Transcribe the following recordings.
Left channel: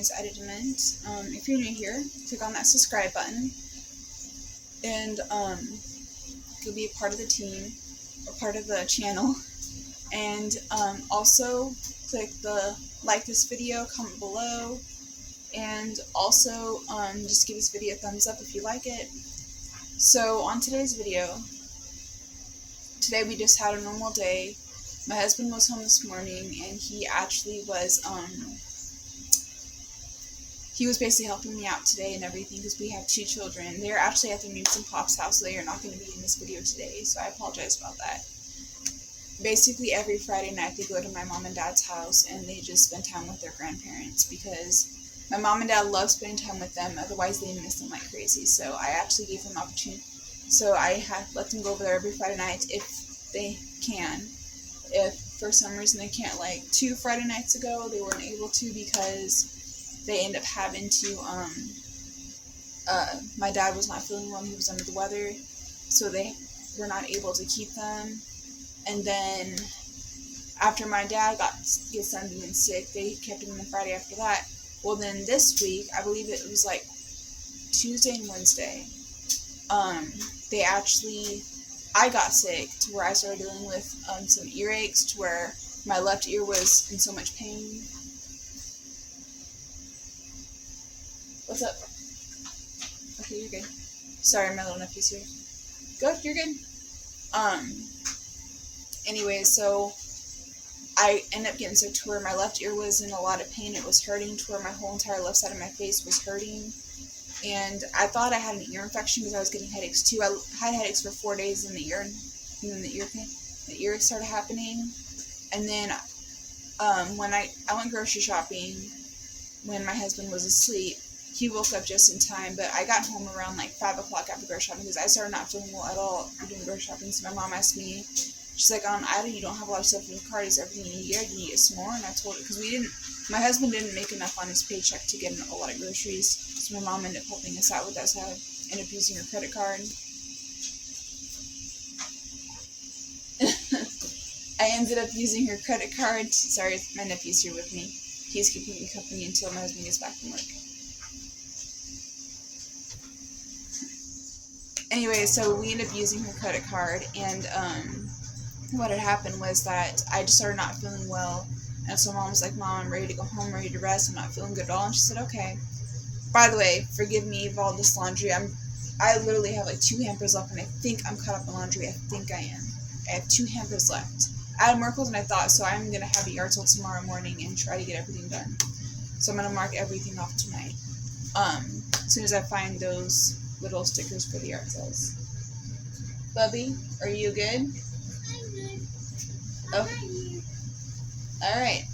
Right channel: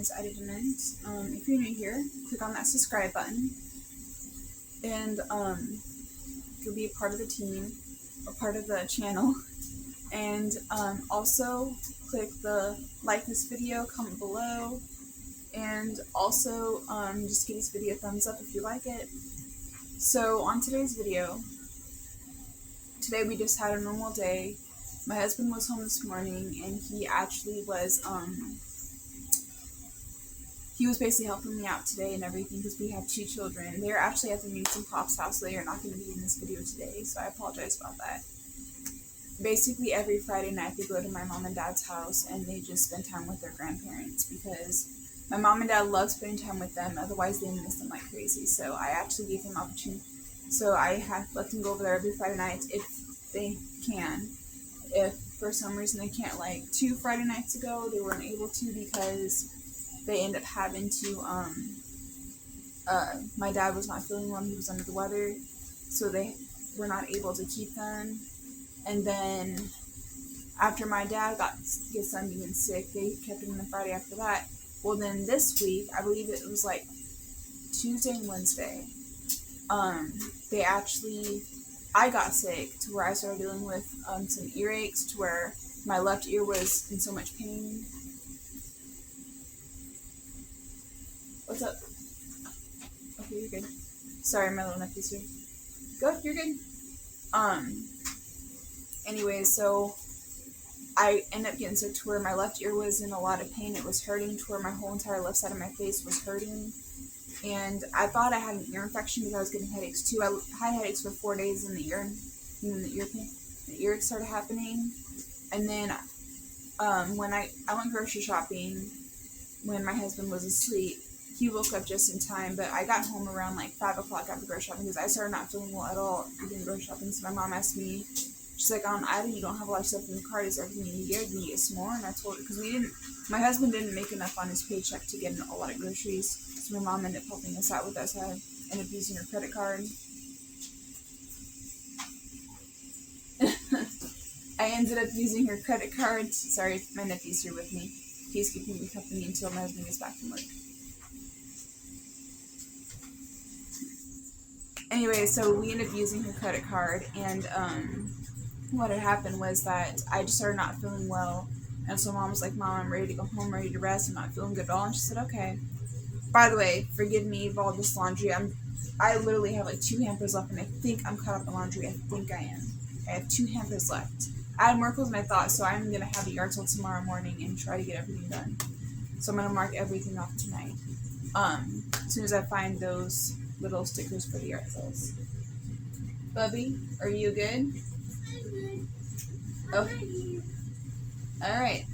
is Editament. If you're new here, click on that subscribe button, and you'll be a part of the team, or part of the channel. And also click the like this video, comment below, and also just give this video a thumbs up if you like it. So on today's video, today we just had a normal day. My husband was home this morning, and he actually was basically helping me out today and everything, because we have 2 children. They're actually at their Memes and Pops house, so they are not going to be in this video today, so I apologize about that. Basically every Friday night they go to my mom and dad's house and they just spend time with their grandparents, because my mom and dad love spending time with them, otherwise they miss them like crazy. So I actually gave them opportunity, so I have let them go over there every Friday night if they can. If for some reason they can't, like 2 Friday nights ago they weren't able to because they end up having to my dad was not feeling well, he was under the weather, so they were not able to keep them. And then after my dad gets done being sick, they kept him the Friday after that. Well, then this week, I believe it was like Tuesday and Wednesday, I got sick to where I started dealing with some earaches, to where my left ear was in so much pain. What's up? Okay, you're good. Sorry, my little nephew's here. Go, you're good. Anyways, so I ended up getting sick to where my left ear was in a lot of pain. It was hurting to where my whole entire left side of my face was hurting. And I thought I had an ear infection because I was getting headaches too. I had headaches for 4 days in the ear, and then the ear started happening. And then when I went grocery shopping when my husband was asleep. He woke up just in time, but I got home around like 5 o'clock after grocery shopping because I started not feeling well at all doing grocery shopping. So my mom asked me, she's like, Ida, you don't have a lot of stuff in your cart. Is everything you need? Do you need some more? And I told her, because my husband didn't make enough on his paycheck to get a lot of groceries. So my mom ended up helping us out with that. So I ended up using her credit card. I ended up using her credit card. Sorry, my nephew's here with me. He's keeping me company until my husband gets back from work. Anyway, so we ended up using her credit card, and what had happened was that I just started not feeling well, and so Mom was like, Mom, I'm ready to go home, ready to rest, I'm not feeling good at all, and she said, okay. By the way, forgive me for all this laundry. I literally have like 2 hampers left, and I think I'm caught up in laundry. I think I am. I have 2 hampers left. I had more clothes than I thought, so I'm going to have a yard sale tomorrow morning and try to get everything done. So I'm going to mark everything off tonight. As soon as I find those little stickers for the yard sales. Bubby, are you good? I'm good. Okay. Alright.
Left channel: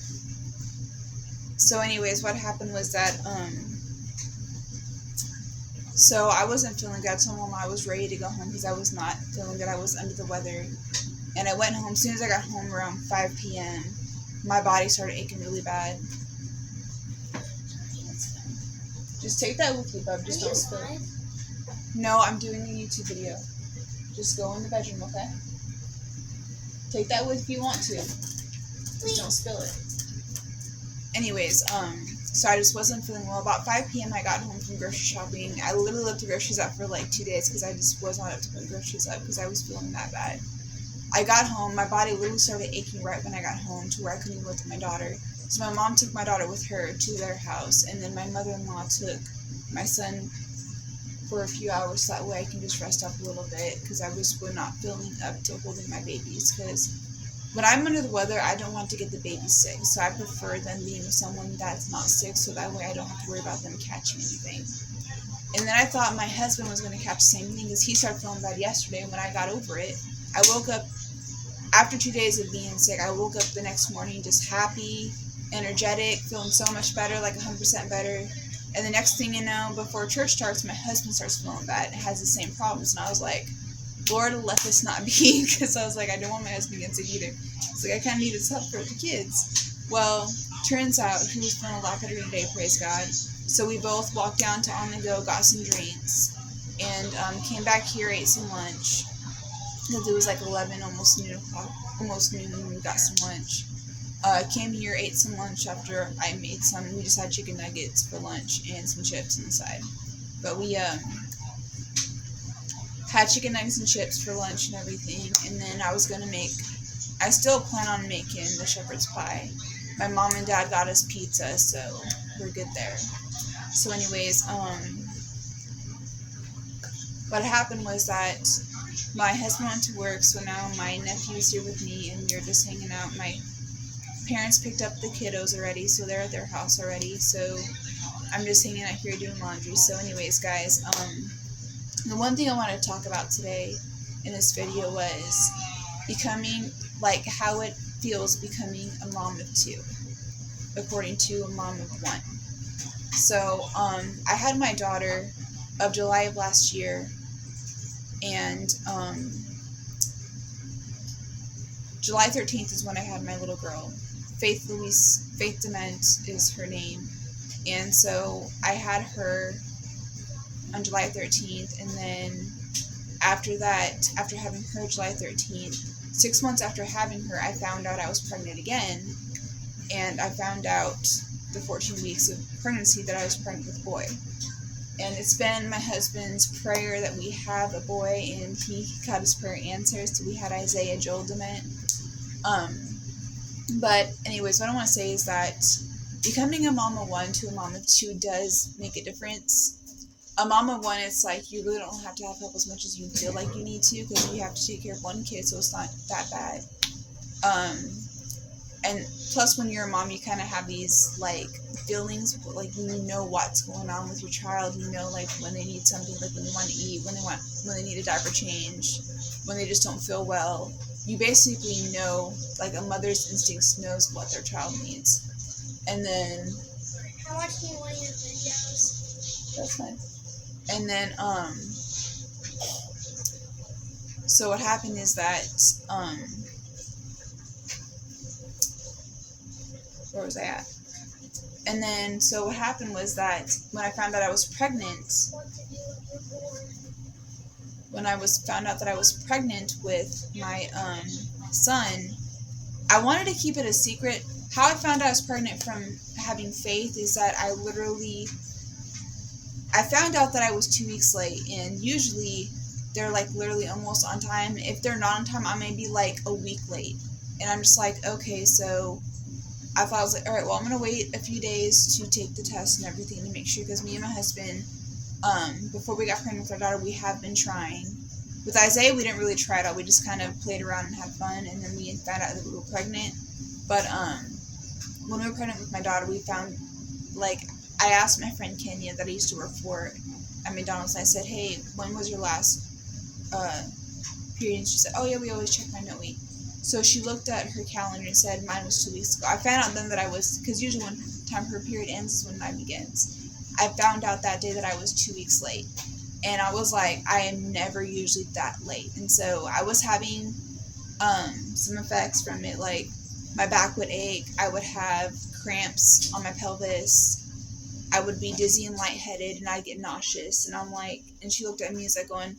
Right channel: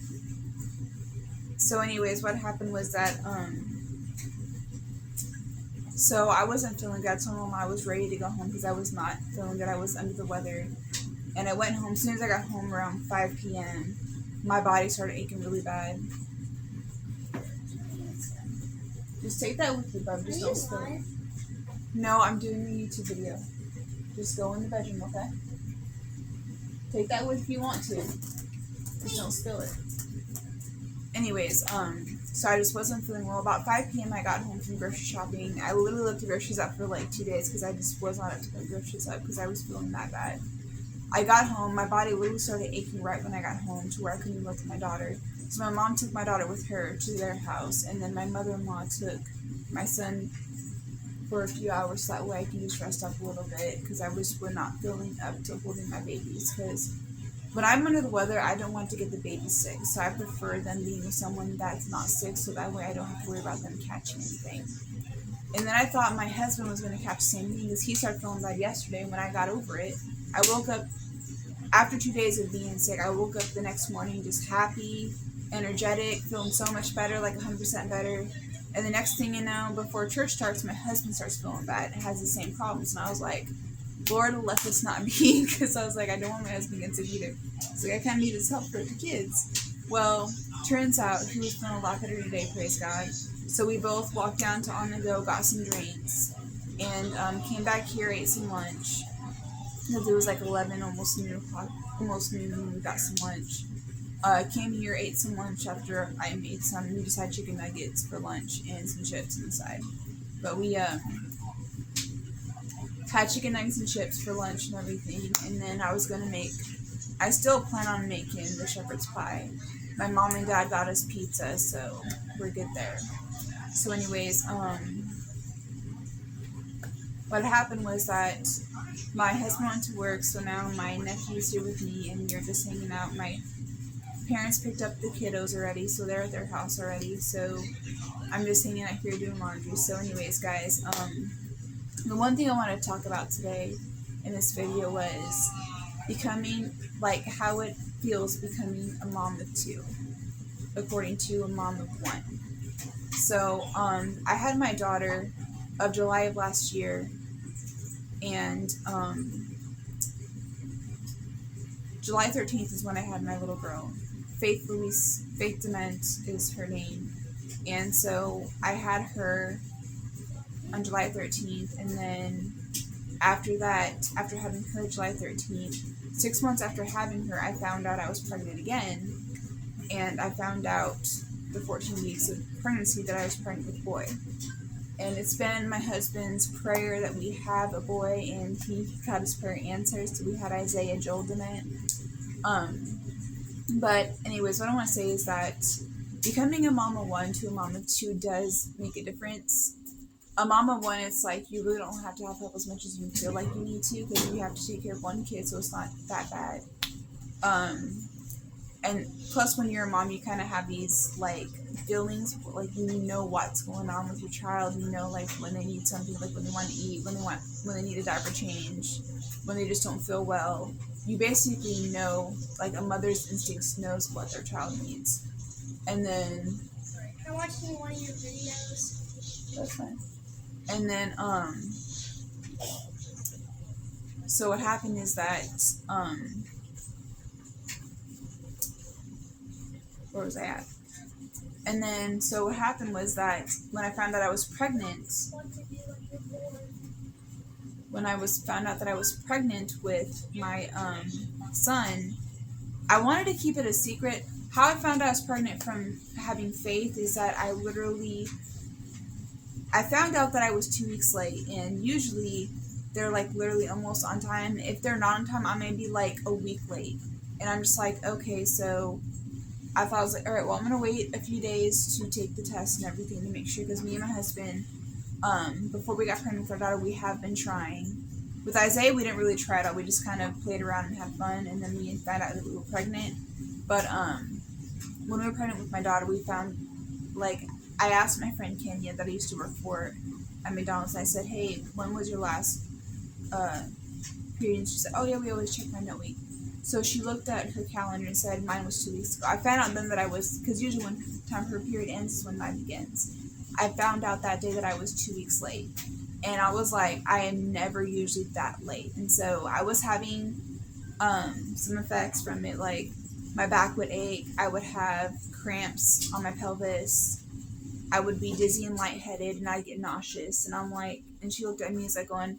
So anyways, what happened was that, so I wasn't feeling good. I told Mom I was ready to go home because I was not feeling good. I was under the weather. And I went home. As soon as I got home around 5 p.m., my body started aching really bad. Just take that with you, bub. Just don't spill it. No, I'm doing a YouTube video. Just go in the bedroom, okay? Take that with if you want to. Just don't spill it. Anyways, so I just wasn't feeling well. About 5 p.m. I got home from grocery shopping. I literally left the groceries up for like 2 days because I just was not up to put groceries up because I was feeling that bad. I got home, my body literally started aching right when I got home to where I couldn't even look at my daughter. So my mom took my daughter with her to their house, and then my mother-in-law took my son for a few hours so that way I can just rest up a little bit because I was not feeling up to holding my babies, because when I'm under the weather I don't want to get the baby sick, so I prefer them being with someone that's not sick so that way I don't have to worry about them catching anything. And then I thought my husband was going to catch the same thing because he started feeling bad yesterday. When I got over it, I woke up after 2 days of being sick. I woke up the next morning just happy, energetic, feeling so much better, like 100% better. And the next thing you know, before church starts, my husband starts feeling bad. It has the same problems. And I was like, Lord, let this not be. Because I was like, I don't want my husband getting sick either. It's like, I kind of need his help for the kids. Well, turns out he was feeling a lot better today, praise God. So we both walked down to On The Go, got some drinks, and came back here, ate some lunch. Because it was like 11, almost noon when we got some lunch. Came here, ate some lunch after I made some. We just had chicken nuggets for lunch and some chips on the side. But we had chicken nuggets and chips for lunch and everything. And then I still plan on making the shepherd's pie. My mom and dad got us pizza, so we're good there. So anyways, what happened was that my husband went to work, so now my nephew's here with me, and we're just hanging out. My parents picked up the kiddos already, so they're at their house already, so I'm just hanging out here doing laundry. So anyways, guys, the one thing I wanted to talk about today in this video was becoming, like, how it feels becoming a mom of two, according to a mom of one. So, I had my daughter of July of last year, and, July 13th is when I had my little girl. Faith Dement is her name. And so I had her on July 13th, and then after that, after having her July 13th, 6 months after having her, I found out I was pregnant again, and I found out the 14 weeks of pregnancy that I was pregnant with a boy. And it's been my husband's prayer that we have a boy, and he got his prayer answered, so we had Isaiah Joel Dement. But anyways, what I want to say is that becoming a mom of one to a mom of two does make a difference. A mom of one, it's like you really don't have to have help as much as you feel like you need to, because you have to take care of one kid, so it's not that bad. And plus, when you're a mom, you kind of have these, like, feelings, like, you know what's going on with your child. You know, like, when they need something, like when they want to eat, when they need a diaper change, when they just don't feel well. You basically know, like, a mother's instincts knows what their child needs. And then, I'm watching one of your videos. That's fine. And then, so what happened is that, where was I at? And then, so what happened was that when I found out I was pregnant, found out that I was pregnant with my son, I wanted to keep it a secret. How I found out I was pregnant from having Faith is that I found out that I was 2 weeks late, and usually they're like literally almost on time. If they're not on time, I may be like a week late, and I'm just like, okay, so I was like, all right, well, I'm gonna wait a few days to take the test and everything to make sure, because me and my husband, before we got pregnant with our daughter, we have been trying. With Isaiah, we didn't really try it out. We just kind of played around and had fun, and then we found out that we were pregnant. But when we were pregnant with my daughter, we found, like, I asked my friend Kenya that I used to work for at McDonald's, and I said, hey, when was your last period? And she said, oh yeah, we always check my no week. So she looked at her calendar and said mine was 2 weeks ago. I found out then that I was, because usually when time her period ends is when mine begins. I found out that day that I was 2 weeks late. And I was like, I am never usually that late. And so I was having some effects from it, like my back would ache, I would have cramps on my pelvis, I would be dizzy and lightheaded, and I'd get nauseous. And I'm like, and she looked at me as like going,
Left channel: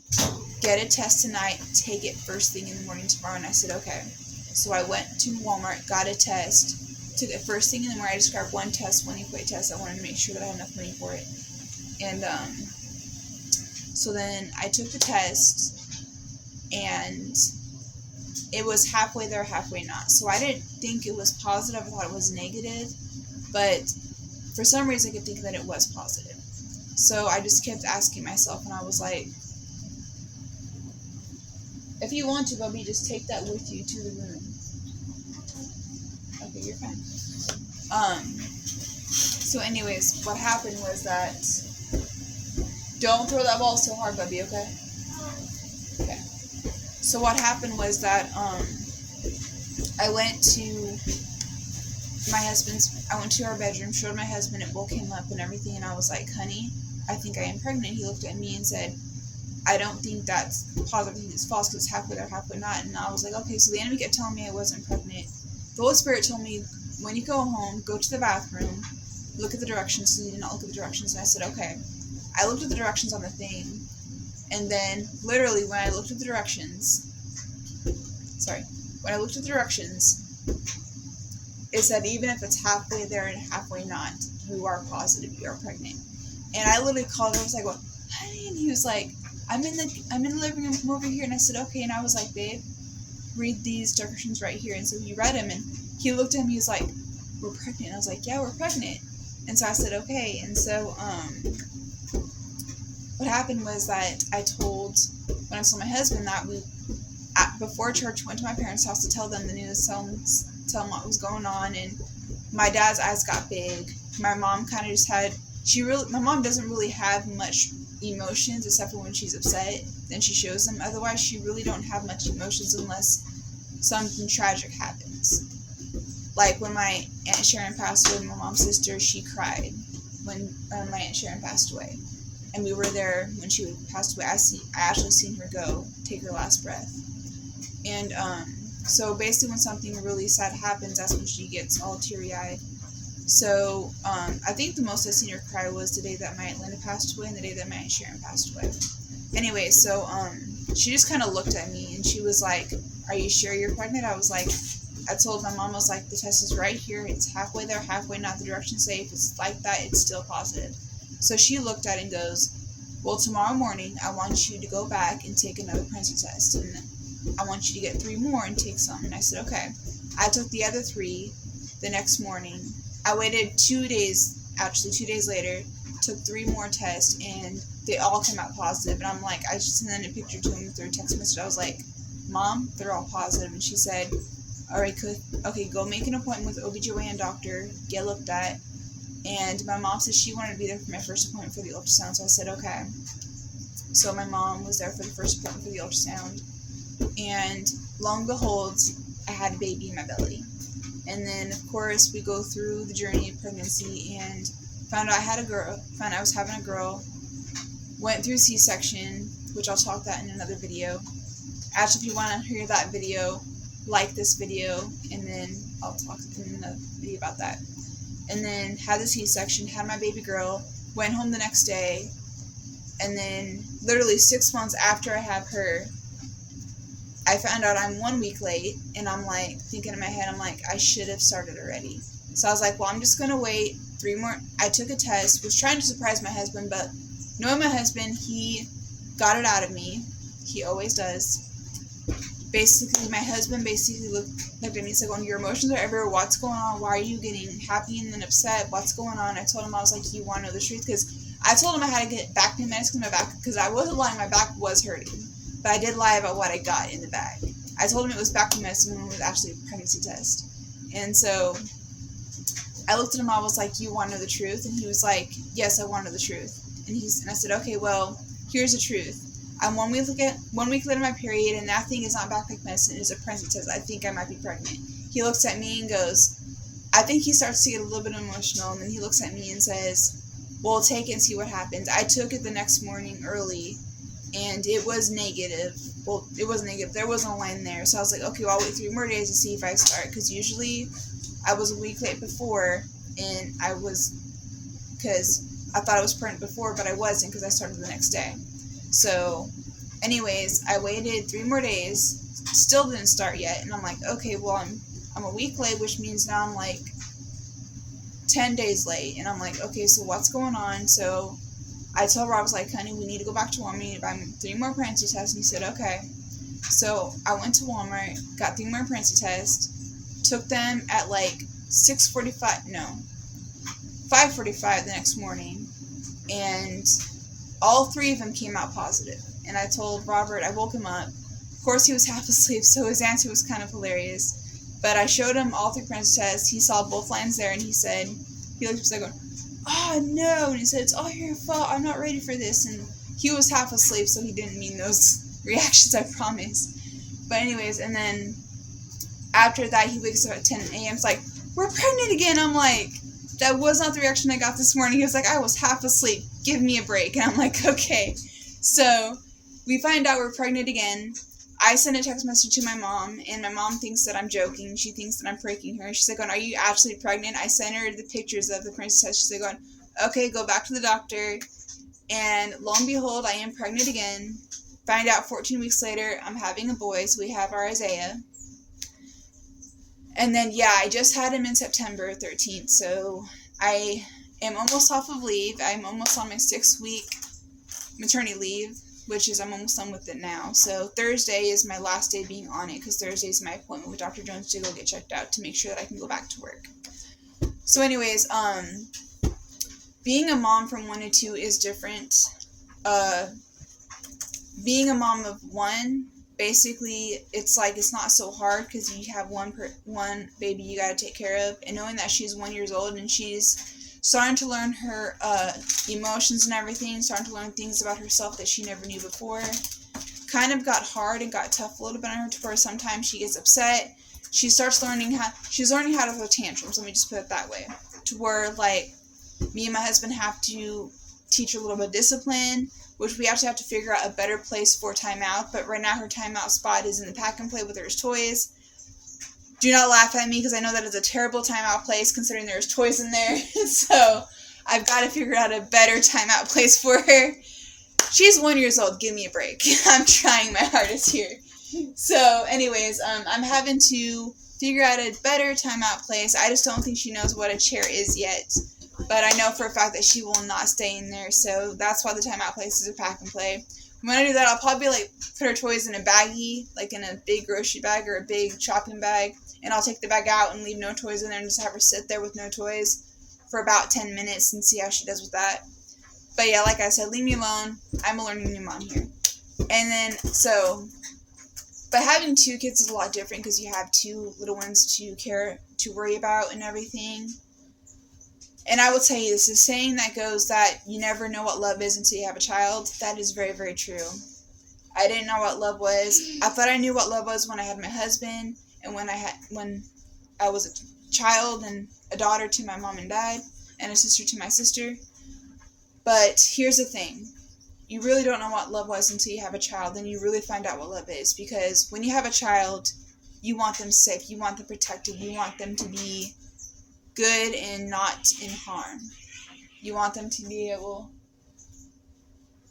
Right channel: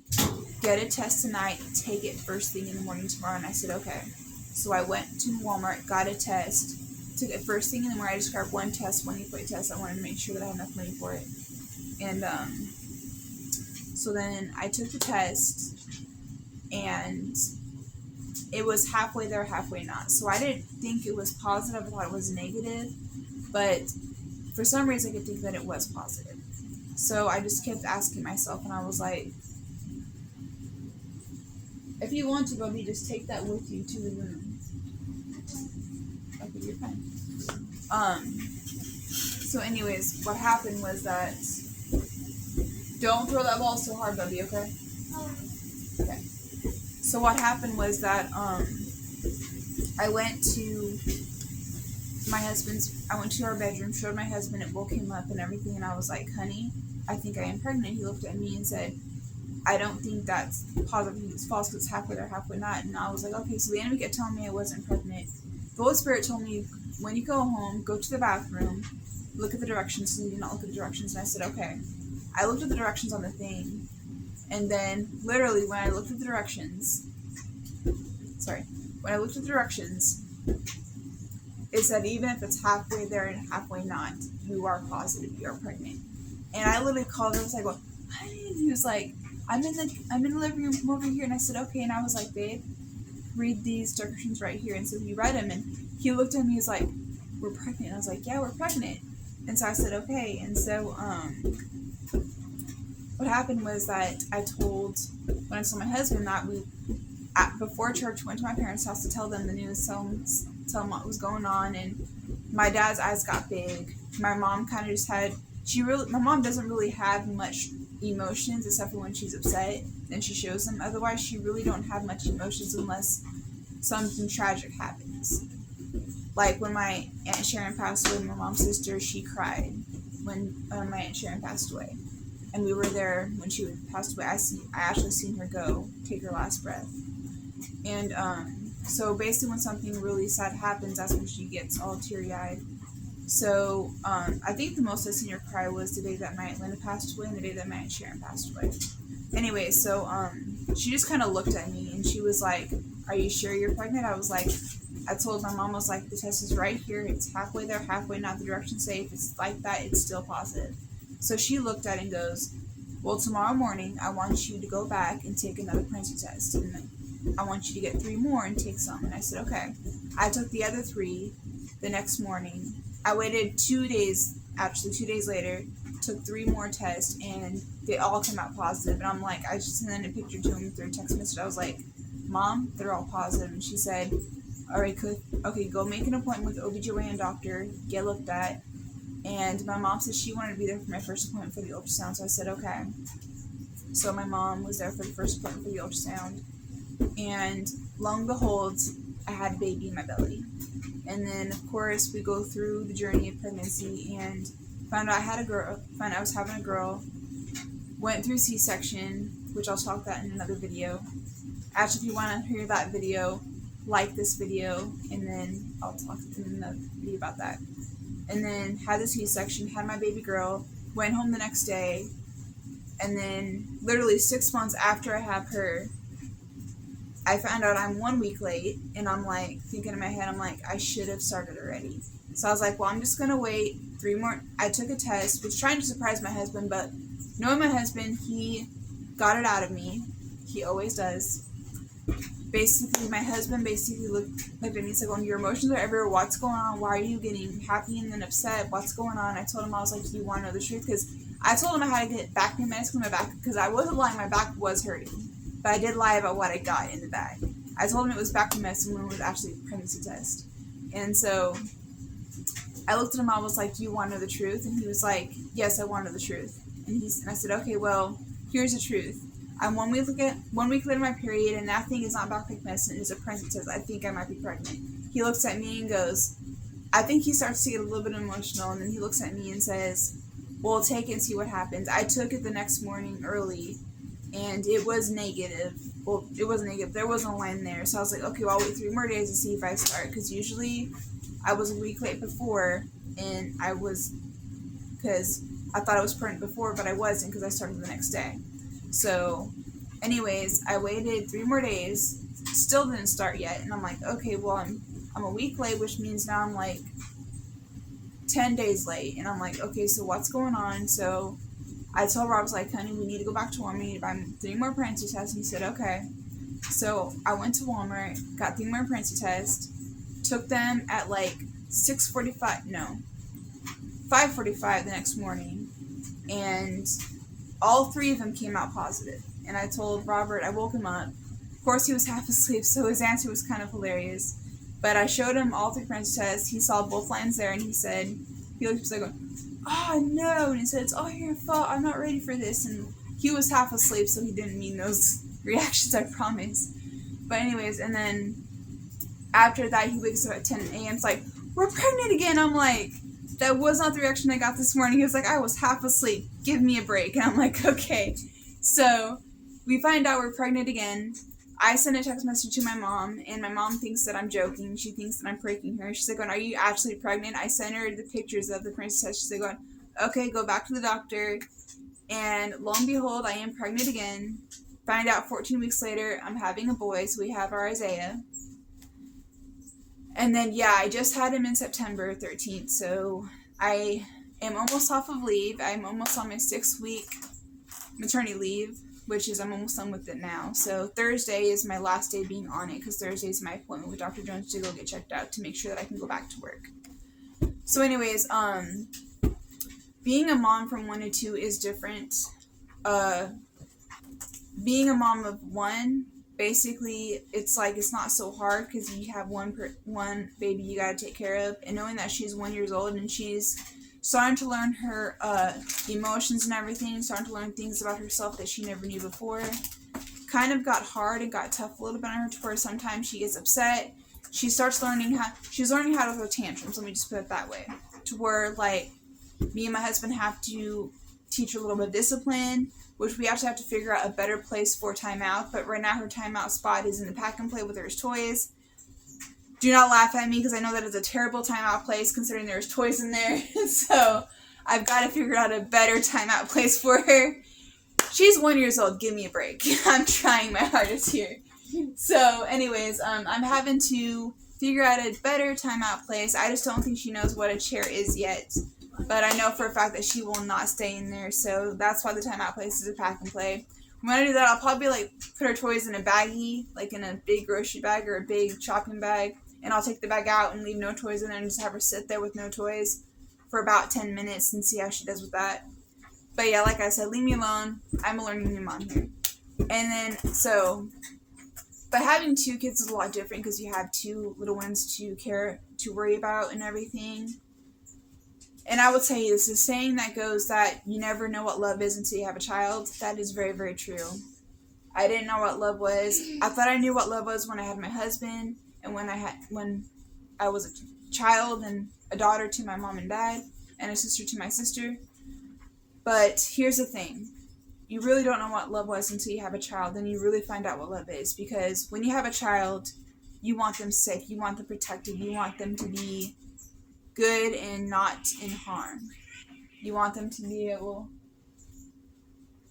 get a test tonight, take it first thing in the morning tomorrow. And I said, okay. So I went to Walmart, got a test, took it first thing in the morning. I just grabbed one test, one equate test. I wanted to make sure that I had enough money for it. And so then I took the test, and it was halfway there, halfway not. So I didn't think it was positive. I thought it was negative, but for some reason I kept thinking that it was positive. So I just kept asking myself, and I was like, if you want to, Bubby, just take that with you to the room. Okay, you're fine. So anyways, what happened was that, don't throw that ball so hard, Bubby, okay? Okay. So what happened was that, I went to our bedroom, showed my husband, it woke him up and everything, and I was like, honey, I think I am pregnant. He looked at me and said, I don't think that's positive, I think it's false, because it's halfway there, halfway not. And I was like, okay, so the enemy kept telling me I wasn't pregnant. The Holy Spirit told me, when you go home, go to the bathroom, look at the directions. So you did not look at the directions. And I said, okay. I looked at the directions on the thing, and then literally when I looked at the directions, it said even if it's halfway there and halfway not, you are positive you are pregnant. And I literally called him. I was like, "Well, honey," and he was like, I'm in the living room, come over here." And I said, "Okay." And I was like, "Babe, read these directions right here." And so he read them, and he looked at me. He was like, "We're pregnant." And I was like, "Yeah, we're pregnant." And so I said, "Okay." And so what happened was that when I told my husband that before church, went to my parents' house to tell them the news, tell them what was going on, and my dad's eyes got big. My mom kind of just had, my mom doesn't really have much emotions except for when she's upset, then she shows them. Otherwise, she really don't have much emotions unless something tragic happens. Like when my Aunt Sharon passed away, my mom's sister, she cried when my Aunt Sharon passed away. And we were there when she passed away. I actually seen her go take her last breath. And so basically when something really sad happens, that's when she gets all teary-eyed. So I think the most I seen her cry was the day that my Aunt Linda passed away and the day that my Aunt Sharon passed away. Anyway, so she just kind of looked at me and she was like, "Are you sure you're pregnant?" I told my mom, I was like, "The test is right here. It's halfway there, halfway not. The directions say if it's like that, it's still positive." So she looked at it and goes, "Well, tomorrow morning, I want you to go back and take another pregnancy test. And I want you to get 3 more and take some." And I said, "Okay." I took the other 3 the next morning. I waited 2 days, actually 2 days later, took 3 more tests, and they all came out positive. And I'm like, I just sent a picture to him through a text message. I was like, "Mom, they're all positive." And she said, "All right, okay, go make an appointment with OBGYN doctor, get looked at." And my mom said she wanted to be there for my first appointment for the ultrasound, so I said, "Okay." So my mom was there for the first appointment for the ultrasound, and lo and behold, I had a baby in my belly. And then, of course, we go through the journey of pregnancy and found out I was having a girl, went through C-section, which I'll talk that in another video. Actually, if you want to hear that video, like this video, and then I'll talk in another video about that. And then had the C-section, had my baby girl, went home the next day, and then literally 6 months after I had her, I found out I'm 1 week late, and I'm like, thinking in my head, I'm like, I should have started already. So I was like, well, I'm just going to wait 3 more. I took a test, was trying to surprise my husband, but knowing my husband, he got it out of me. He always does. Basically, my husband looked at me and said, "Well, your emotions are everywhere. What's going on? Why are you getting happy and then upset? What's going on?" I told him, I was like, "You want to know the truth?" Because I told him I had to get back pain medicine in my back, because I wasn't lying, my back was hurting. But I did lie about what I got in the bag. I told him it was back pain medicine when it was actually a pregnancy test. And so I looked at him, I was like, "You want to know the truth?" And he was like, "Yes, I want to know the truth." And I said, "Okay, well, here's the truth. I'm 1 week later my period, and that thing is not back pain medicine, it's a pregnancy test. I think I might be pregnant." He looks at me and goes, I think he starts to get a little bit emotional, and then he looks at me and says, "Well, take it and see what happens." I took it the next morning early, and it was negative. Well, it was negative. There wasn't a line there. So I was like, okay, well, I'll wait 3 more days to see if I start. Because usually I was a week late before, and because I thought I was pregnant before, but I wasn't, because I started the next day. So, anyways, I waited 3 more days, still didn't start yet, and I'm like, okay, well, I'm a week late, which means now I'm like 10 days late, and I'm like, okay, so what's going on? So I told Rob, I was like, "Honey, we need to go back to Walmart, we need to buy 3 more pregnancy tests," and he said, okay. So I went to Walmart, got 3 more pregnancy tests, took them at like 5:45 the next morning, and all 3 of them came out positive. And I told Robert, I woke him up. Of course, he was half asleep, so his answer was kind of hilarious. But I showed him all 3 pregnancy tests. He saw both lines there, and he looked at me going, "Oh, no," and he said, "It's all your fault. I'm not ready for this." And he was half asleep, so he didn't mean those reactions, I promise. But anyways, and then after that, he wakes up at 10 a.m. It's like, "We're pregnant again." I'm like, that was not the reaction I got this morning. He was like, "I was half asleep. Give me a break." And I'm like, okay. So we find out we're pregnant again. I sent a text message to my mom, and my mom thinks that I'm joking. She thinks that I'm pranking her. She's like, "Are you actually pregnant?" I sent her the pictures of the pregnancy test. She's like, "Okay, go back to the doctor." And lo and behold, I am pregnant again. Find out 14 weeks later, I'm having a boy, so we have our Isaiah. And then, yeah, I just had him in September 13th, so I am almost off of leave. I'm almost on my 6-week maternity leave, which is I'm almost done with it now. So Thursday is my last day being on it, because Thursday is my appointment with Dr. Jones to go get checked out to make sure that I can go back to work. So anyways, being a mom from 1 to 2 is different. Being a mom of 1, basically, it's like it's not so hard because you have one baby you got to take care of, and knowing that she's 1 year old and she's starting to learn her emotions and everything, starting to learn things about herself that she never knew before, kind of got hard and got tough a little bit on her, to where sometimes she gets upset. She's learning how to throw tantrums. Let me just put it that way, to where like me and my husband have to teach her a little bit of discipline, which we actually have to figure out a better place for timeout. But right now her timeout spot is in the pack and play with her toys. Do not laugh at me, because I know that is a terrible timeout place considering there's toys in there. So I've got to figure out a better timeout place for her. She's 1 year old. Give me a break. I'm trying my hardest here. So anyways, I'm having to figure out a better timeout place. I just don't think she knows what a chair is yet. But I know for a fact that she will not stay in there. So that's why the timeout place is a pack and play. When I do that, I'll probably like put her toys in a baggie, like in a big grocery bag or a big shopping bag. And I'll take the bag out and leave no toys in there and just have her sit there with no toys for about 10 minutes and see how she does with that. But yeah, like I said, leave me alone. I'm a learning new mom here. And then, but having 2 kids is a lot different, because you have 2 little ones to worry about and everything. And I will tell you, this is a saying that goes that you never know what love is until you have a child. That is very, very true. I didn't know what love was. I thought I knew what love was when I had my husband, and when I was a child and a daughter to my mom and dad, and a sister to my sister. But here's the thing. You really don't know what love was until you have a child. Then you really find out what love is. Because when you have a child, you want them safe. You want them protected. You want them to be good and not in harm. You want them to be able...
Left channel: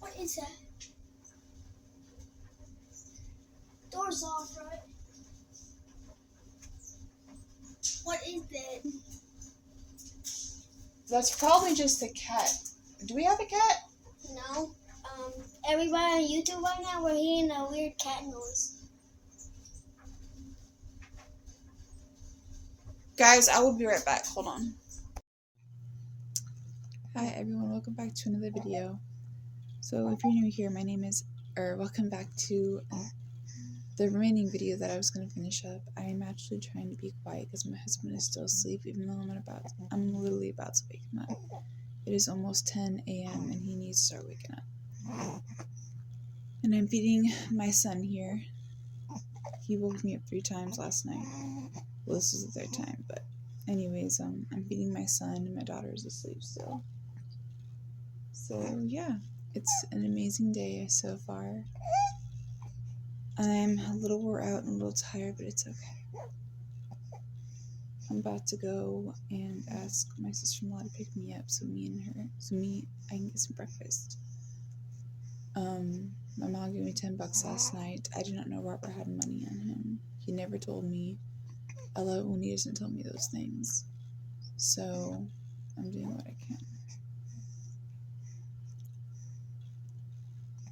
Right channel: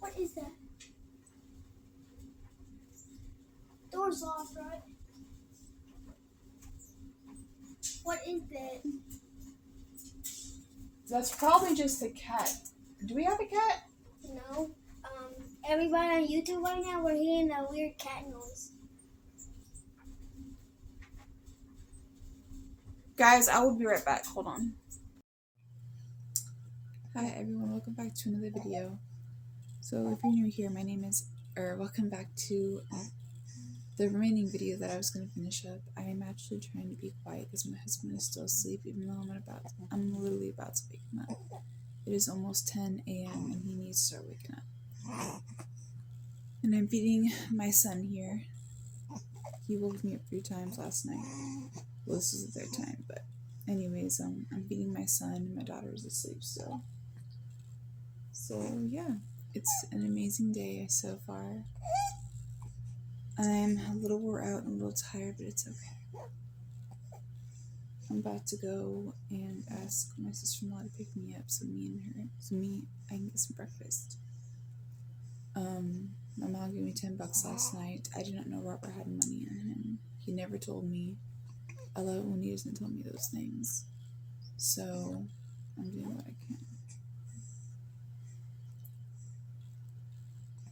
What is that? Door's off, right? What is that? That's probably just a cat. Do we have a cat? No. Everybody on YouTube right now, we're hearing a weird cat noise. Guys, I will be right back. Hold on. Hi everyone, welcome back to another video. So if you're new here, welcome back to the remaining video that I was going to finish up. I am actually trying to be quiet because my husband is still asleep, even though I'm literally about to wake him up. It is almost 10 a.m. and he needs to start waking up. And I'm feeding my son here. He woke me up 3 times last night. Well, this is the 3rd time, but anyways, I'm feeding my son and my daughter is asleep still. So yeah, it's an amazing day so far. I'm a little wore out and a little tired, but it's okay. I'm about to go and ask my sister-in-law to pick me up so I can get some breakfast. My mom gave me $10 last night. I did not know Robert had money on him. He never told me. I love it when he doesn't tell me those things. So I'm doing what I can.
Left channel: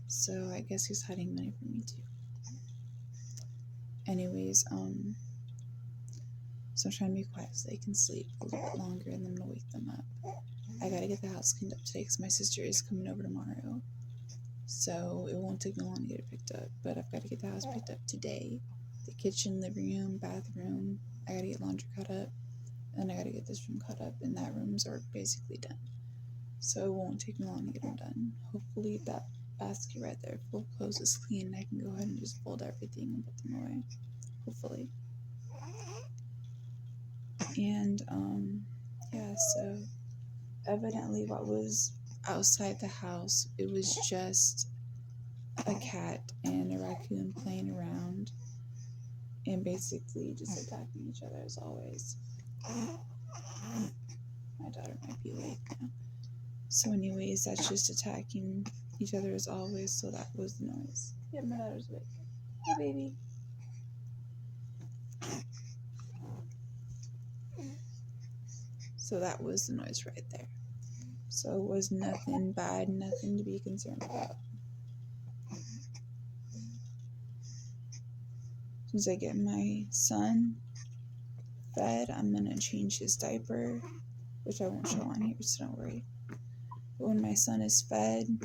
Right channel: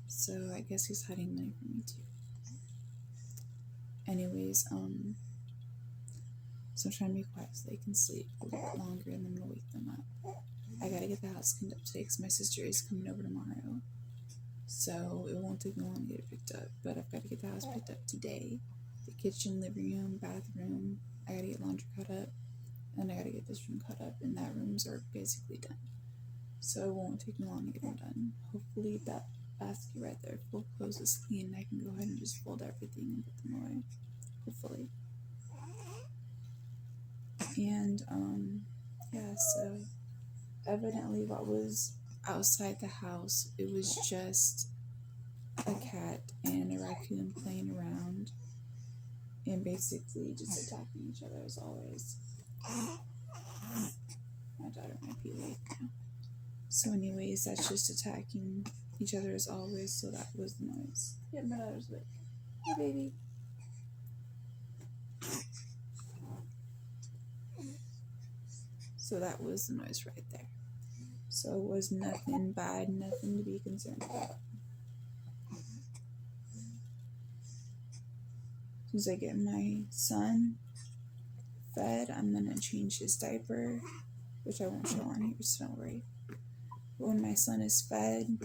So I guess he's hiding money from me too. Anyways, so I'm trying to be quiet so they can sleep a little bit longer, and then I'm gonna wake them up. I gotta get the house cleaned up today because my sister is coming over tomorrow. So it won't take me long to get it picked up, but I've got to get the house picked up today. The kitchen, living room, bathroom. I gotta get laundry cut up, and I gotta get this room cut up, and that rooms are basically done. So it won't take me long to get them done. Hopefully that basket right there full of clothes is clean, and I can go ahead and just fold everything and put them away. Hopefully. And yeah, so evidently what was outside the house, it was just a cat and a raccoon playing around and basically just attacking each other as always. My daughter might be awake now. So anyways, that's just attacking each other as always, so that was the noise. Yeah, my daughter's awake. Hey baby. So that was the noise right there. So it was nothing bad, nothing to be concerned about. As soon as I get my son fed, I'm going to change his diaper, which I won't show on here, so don't worry. But when my son is fed,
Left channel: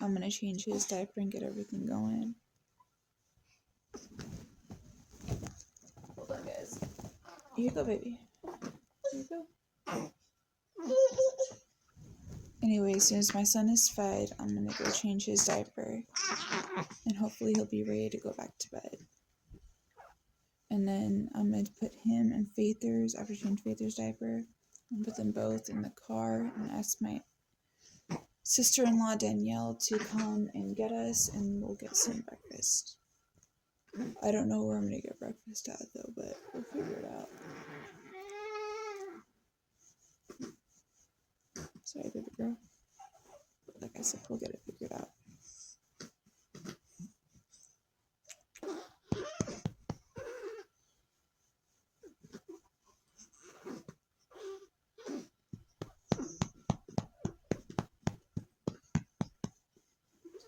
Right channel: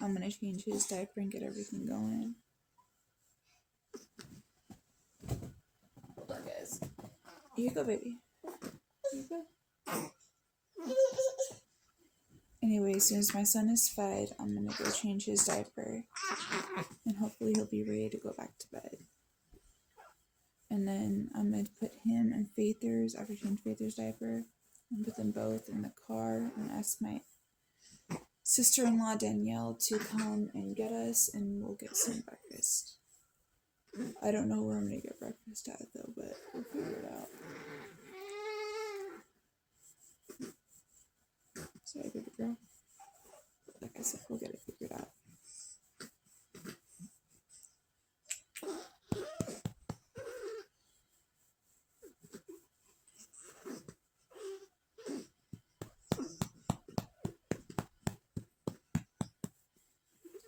I'm going to change his diaper and get everything going. Hold on, guys. Here you go, baby. Here you go. Anyway, as soon as my son is fed, I'm going to go change his diaper. And hopefully he'll be ready to go back to bed. And then I'm going to put him and Faither's, after change Faither's diaper, and put them both in the car and ask my sister-in-law Danielle to come and get us, and we'll get some breakfast. I don't know where I'm going to get breakfast at though, but we'll figure it out. Sorry, baby girl. Like I said, we'll get it figured out.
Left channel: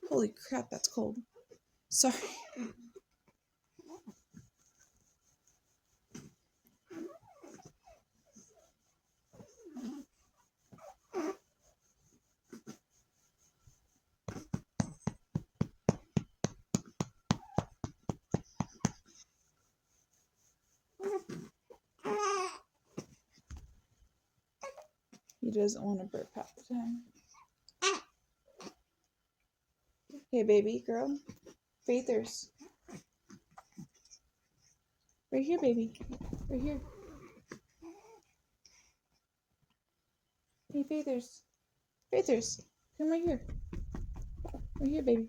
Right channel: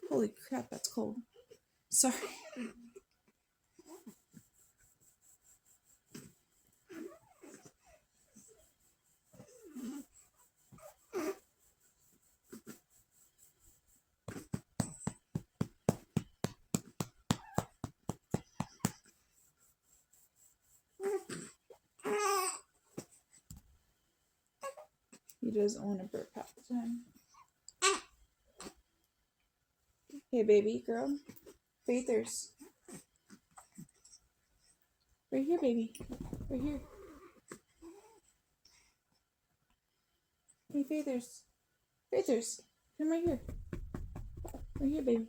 Holy crap, that's cold. Sorry. He doesn't want to burp half the time. Okay, baby girl. Faithers. Right here, baby. Right here. Hey, Faithers. Faithers. Come right here. Right here, baby.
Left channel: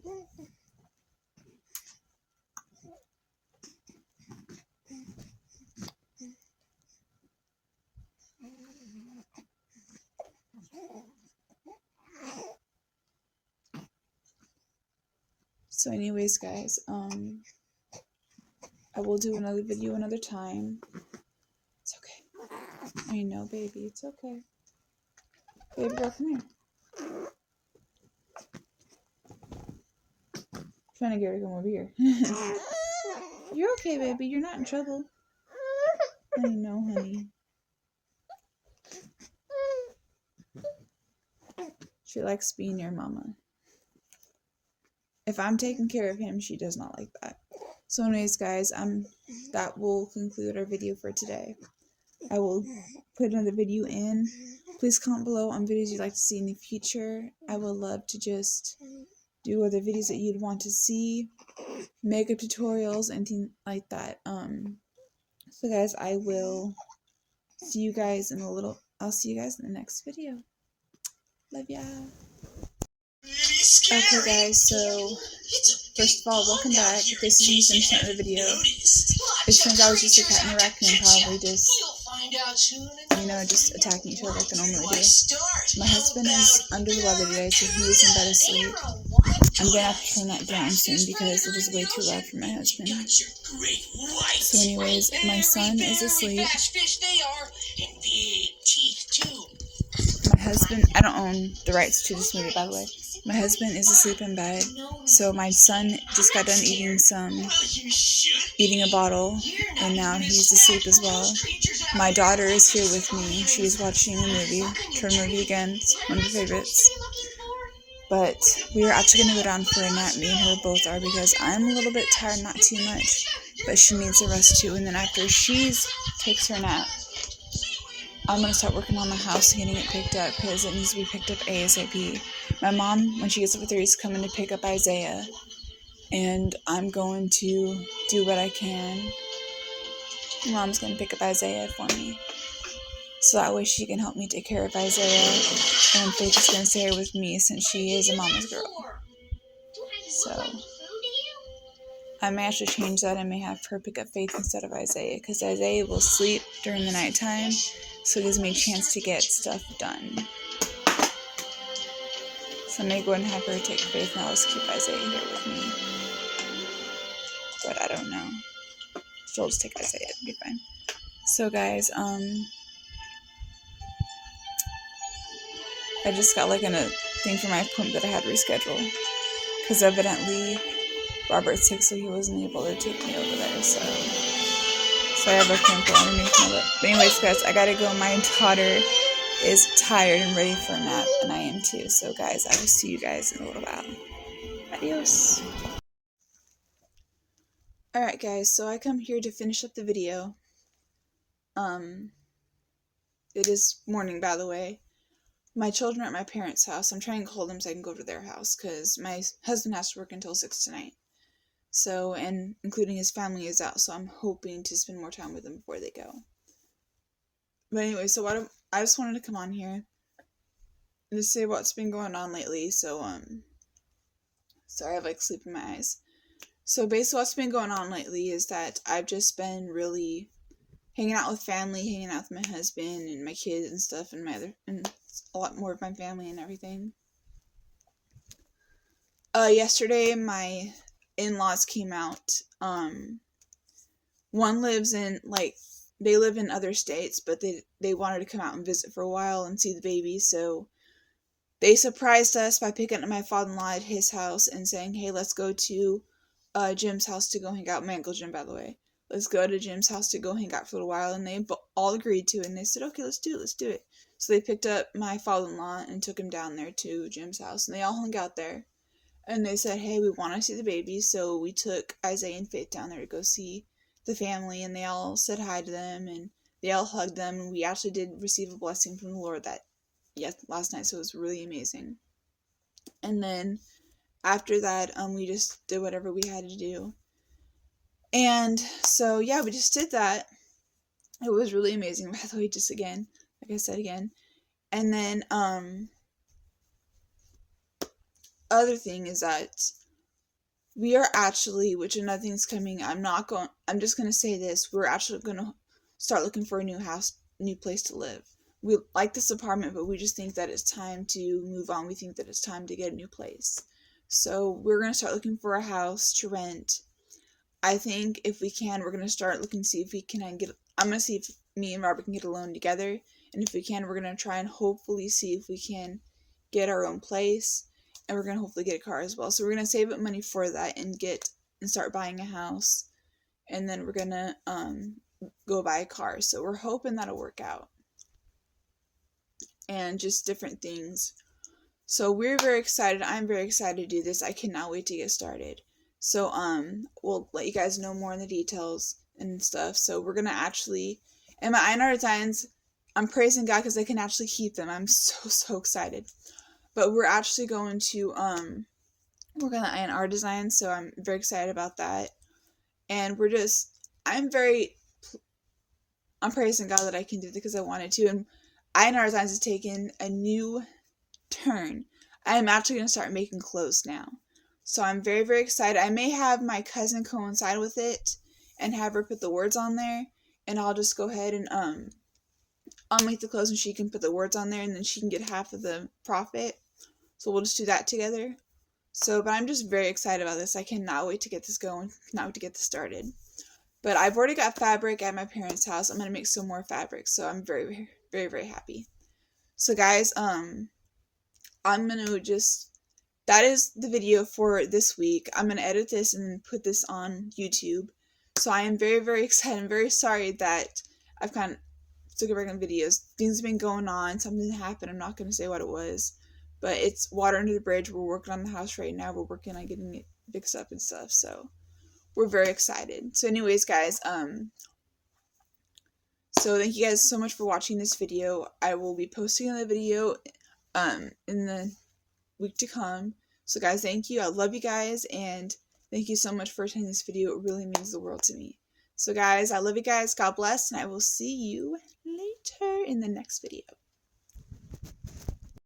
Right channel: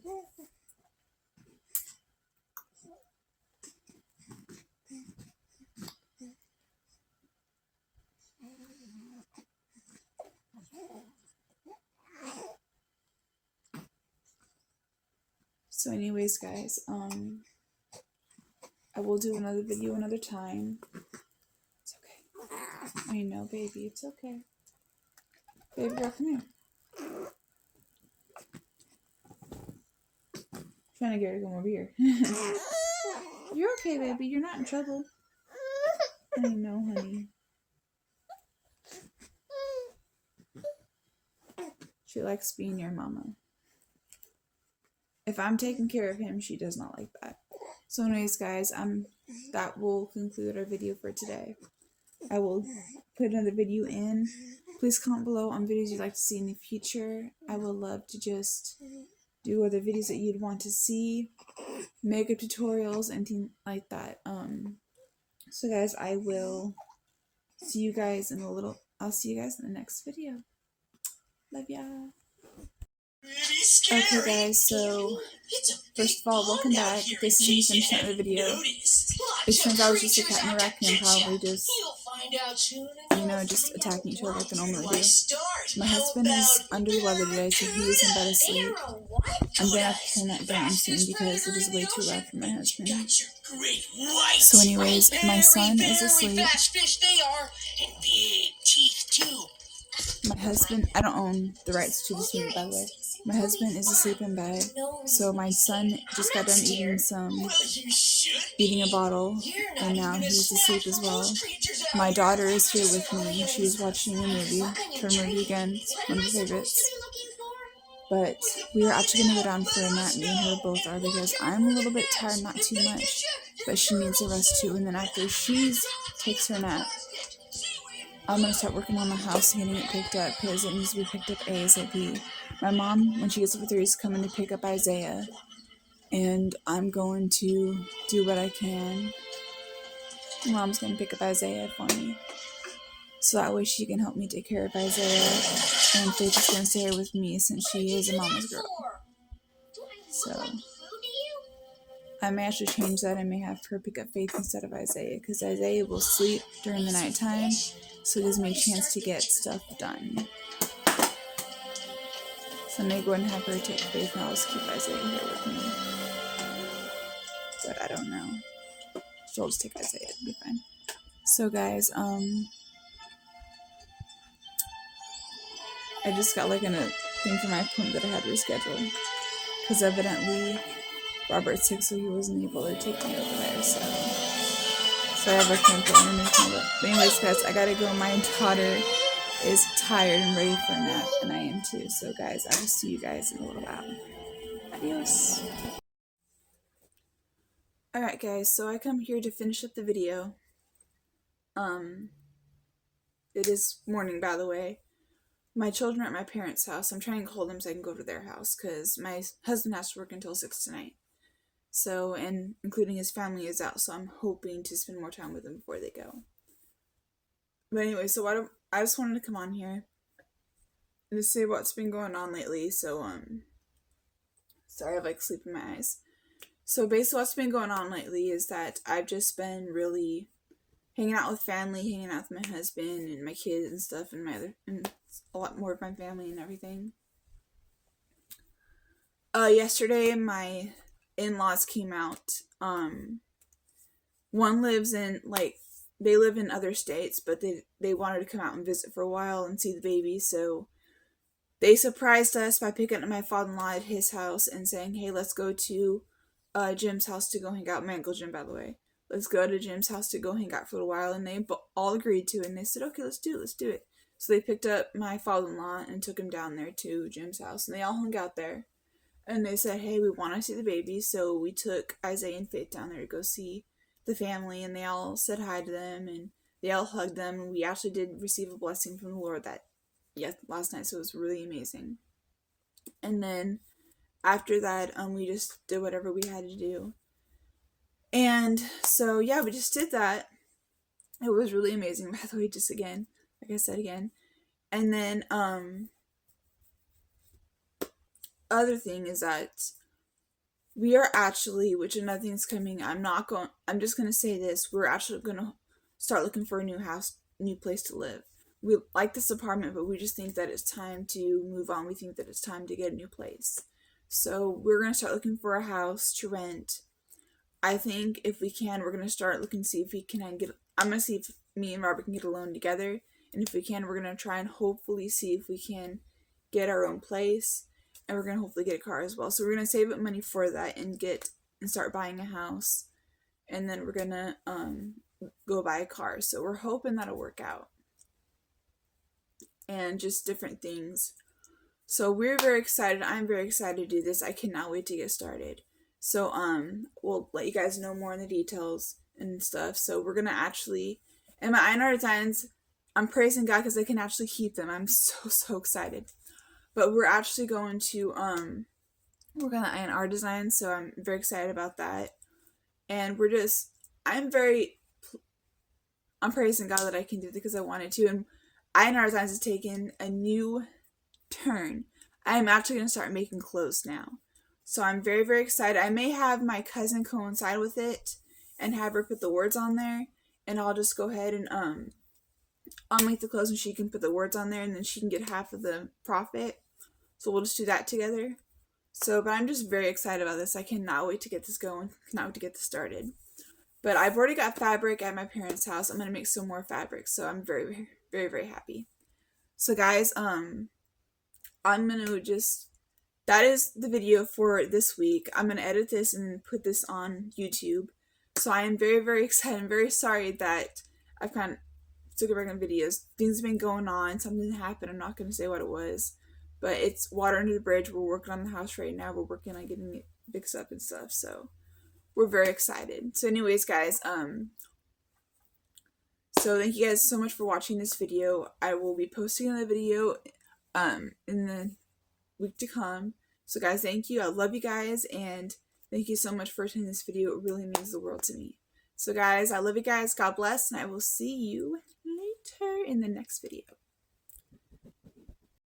So anyways, guys, I will do another video another time. It's okay. I know, baby, it's okay. Baby girl, come here. I'm trying to get her to come over here. You're okay, baby. You're not in trouble. I know, honey. She likes being near mama. If I'm taking care of him, she does not like that. So anyways, guys, that will conclude our video for today. I will put another video in. Please comment below on videos you'd like to see in the future. I would love to just do other videos that you'd want to see, makeup tutorials, anything like that. So guys, I will see you guys in a little. I'll see you guys in the next video. Love ya. Okay guys, so first of all, welcome back. This is me finishing up the video. It turns out it was just a cat and a raccoon probably just, just attacking each other like they normally do. My husband is under the weather today, so he is in bed asleep. I'm going to have to turn that down soon because it is way too loud for my husband. So anyways, my son is asleep. My husband, I don't own the rights to this movie, by the way. My husband is asleep in bed, so my son just got done eating a bottle, and now he's asleep as well. My daughter is here with me. She's watching a movie, Turn movie again, it's one of her favorites. But we are actually going to go down for a nap, me and her both are, because I'm a little bit tired, not too much, but she needs a rest too, and then after she takes her nap, I'm going to start working on the house and getting it picked up because it needs to be picked up ASAP. My mom, when she gets up at 3, is coming to pick up Isaiah. And I'm going to do what I can. My mom's going to pick up Isaiah for me. So that way she can help me take care of Isaiah. And Faith is going to stay here with me since she is a mama's girl. So I may actually change that. I may have her pick up Faith instead of Isaiah because Isaiah will sleep during the nighttime. So it gives me a chance to get stuff done. So I may go and have her take Faith and I'll just keep Isaiah here with me. But I don't know. She'll just take Isaiah, it'll be fine. So guys, I just got like a thing for my appointment that I had to reschedule. Because evidently Robert's sick, so he wasn't able to take me over there. So I have a pimple underneath my lip. But anyways, guys, I gotta go. My daughter is tired and ready for a nap, and I am too. So guys, I will see you guys in a little while. Adios. Alright guys, so I come here to finish up the video. It is morning, by the way. My children are at my parents' house. I'm trying to call them so I can go to their house, because my husband has to work until 6 tonight. So, and including his family is out, so I'm hoping to spend more time with them before they go. But anyway, so I just wanted to come on here and just say what's been going on lately. So, sorry, I have like sleep in my eyes. So basically what's been going on lately is that I've just been really hanging out with family, hanging out with my husband and my kids and stuff, and and a lot more of my family and everything. Yesterday my in-laws came out. One lives in, like, they live in other states, but they wanted to come out and visit for a while and see the baby, so they surprised us by picking up my father-in-law at his house and saying, hey, let's go to Jim's house to go hang out. My Uncle Jim, by the way. Let's go to Jim's house to go hang out for a while, and they all agreed to it, and they said, okay, let's do it. So they picked up my father-in-law and took him down there to Jim's house, and they all hung out there. And they said, hey, we want to see the baby, so we took Isaiah and Faith down there to go see the family, and they all said hi to them, and they all hugged them, and we actually did receive a blessing from the Lord last night, so it was really amazing. And then after that, we just did whatever we had to do. And so, yeah, we just did that. It was really amazing, by the way, just again, like I said again. And then, other thing is that we are actually, which another thing's coming, I'm just going to say this, we're actually going to start looking for a new place to live. We like this apartment, but we just think that it's time to move on. We think that it's time to get a new place. So we're going to start looking for a house to rent. I think if we can, we're going to start looking to see if we can I'm going to see if me and Robert can get a loan together. And if we can, we're going to try and hopefully see if we can get our own place. And we're going to hopefully get a car as well. So we're going to save up money for that and start buying a house. And then we're going to go buy a car. So we're hoping that'll work out. And just different things. So we're very excited. I'm very excited to do this. I cannot wait to get started. So, we'll let you guys know more on the details and stuff. So we're going to actually, and my INR designs, I'm praising God because I can actually keep them. I'm so excited. But we're actually going to, work on the INR design. So I'm very excited about that. And I'm praising God that I can do it because I wanted to. And INR designs has taken a new turn. I am actually going to start making clothes now. So I'm very, very excited. I may have my cousin coincide with it and have her put the words on there. And I'll just go ahead and I'll make the clothes and she can put the words on there and then she can get half of the profit. So we'll just do that together. So, but I'm just very excited about this. I cannot wait to get this going. Cannot wait to get this started. But I've already got fabric at my parents' house. I'm going to make some more fabric. So I'm very, very, very, very happy. So guys, I'm going to that is the video for this week. I'm going to edit this and put this on YouTube. So I am very, very excited. I'm very sorry that I've kind of took a break on videos. Things have been going on. Something happened. I'm not going to say what it was. But it's water under the bridge. We're working on the house right now. We're working on getting it fixed up and stuff. So we're very excited. So anyways, guys, so thank you guys so much for watching this video. I will be posting the video in the week to come. So guys, thank you. I love you guys, and thank you so much for attending this video. It really means the world to me. So guys, I love you guys. God bless, and I will see you later in the next video.